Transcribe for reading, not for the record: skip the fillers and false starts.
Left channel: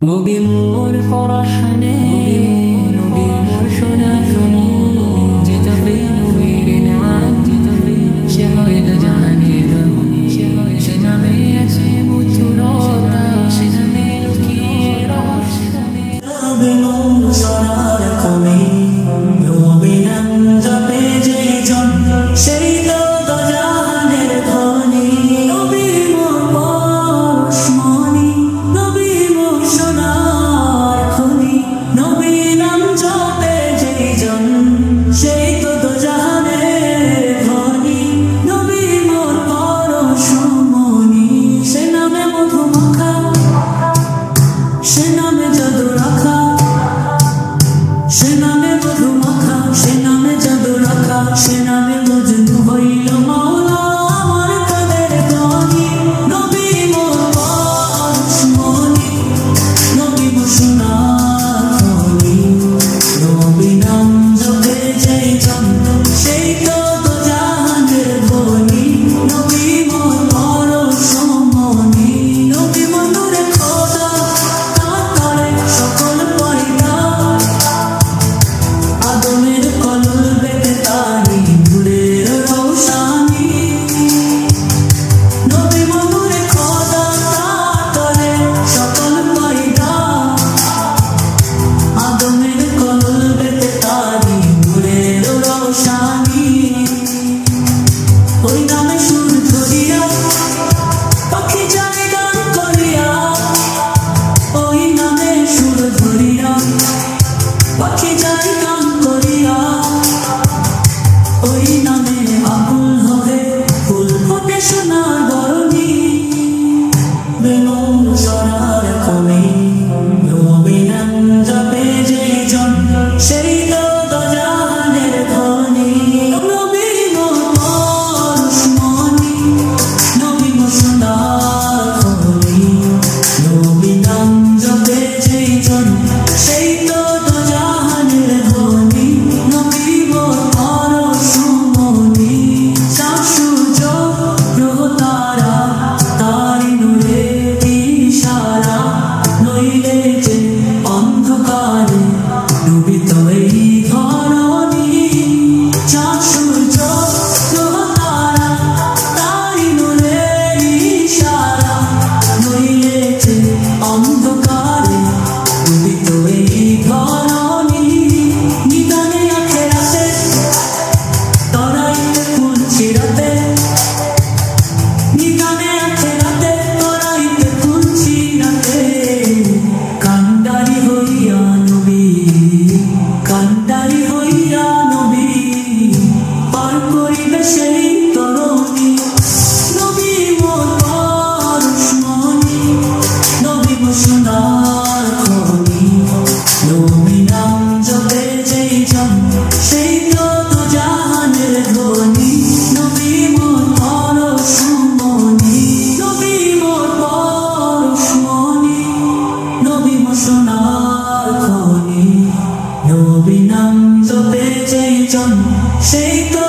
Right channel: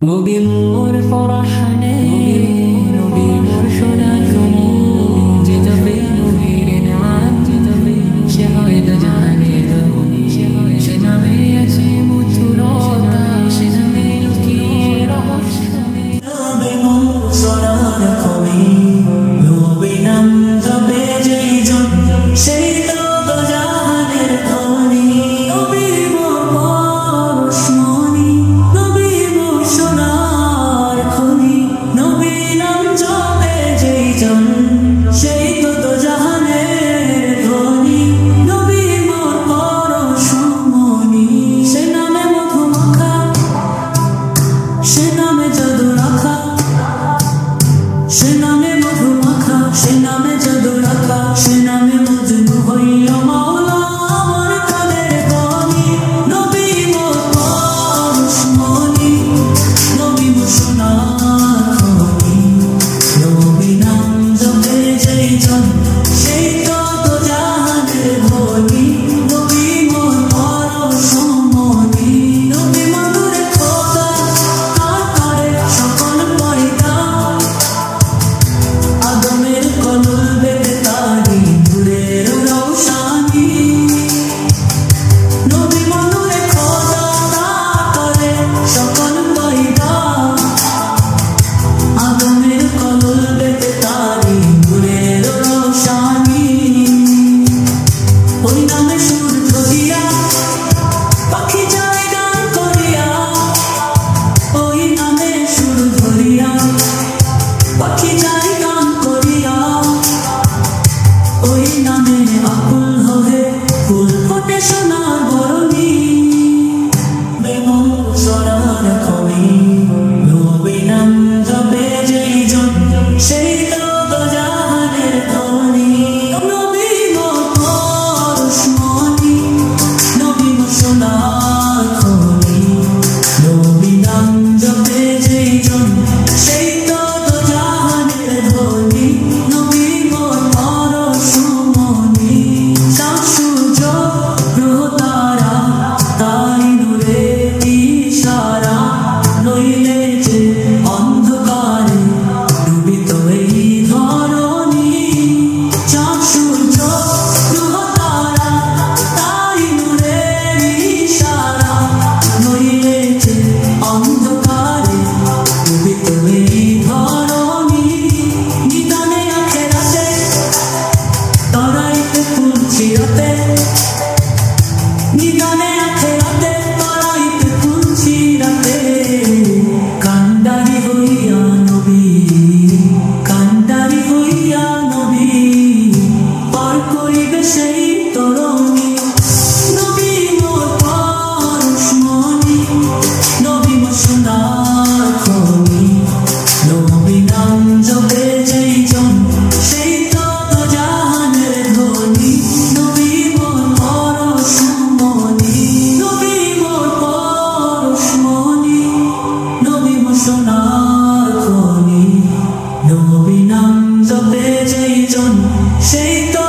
নবী মোর পরশনে নবী মোর সোনা খনি যেতবে নবীর নাম যেতবে সে হয়তো জানে রমণী সে নামে আছে মধুরতা সে নামে লুকিয়ে রহস্য নবী মোর সোনার খনি নবী নাম জপে যেই জন সেই তো জাহানের ধনী নবী মোর পরশমণি নবী মোর সোনার খনি নবী নাম জপে যেই জন সেই তো জাহানের ধনী নবী মোর পরশমণি সে নামে মধু মাখা সে নামে জাদু রাখা সে নামে মধু মাখা সে নামে জাদু রাখা সে নামে মজনু হইল মাওলা আমার কাদের গনি নবী মোর পরশমণি নবী মোর সোনার খনি নবী নাম জপে যেই জন সেই তো জাহানের ধনী নবী মোর পরশমণি নবী মন্দুরে খোদা তার করে সকল পয়দা আদমের কলল বেতে তারি নূরের রৌশানি নবী মনুরে খোদা তার করে সকল পয়দা আদমের কলল বেতে তারি নূরের রৌশানি ওই নামে সুর ধরিয়া পাখি যায় গান করিয়া ওই নামে সুর ধরিয়া পাখি যায় গান করিয়া ওই নামে আকুল হয়ে ফুল ফোটে সোনার বরণী বেমন সোনার খনি নবী নাম জপে যেই জন সেই তো জাহানের ধনী নবী মোর পরশমণি নবী মোর সোনার খনি নবী নাম জপে যেই জন সেই তো জাহানের ধনী নবী মোর পরশমণি চাঁদ সূর্য গ্রহ তারা তারি নূরে ইশারা নইলে যে অন্ধকারে ডুবিত এই ধরণী চাঁদ সূর্য গ্রহ তারা তারি নূরে ইশারা নইলে যে অন্ধকারে ডুবিত এই ধরণী নিদানে আখেরাতে তরাইতে ফুল চিরাতে নিদানে আখেরাতে তরাইতে ফুল চিরাতে কান্ডারি হইয়া নবী কান্ডারি হইয়া নবী পার করিবে সেই তরণী নবী মোর পরশমণি নবী মোর সোনার খনি নবী নাম জপে যেই জন সেই তো জাহানের ধনী নবী মোর পরশমণি নবী মোর পরশমণি নবী মোর সোনার খনি নবী নাম জপে যেই জন সেই তো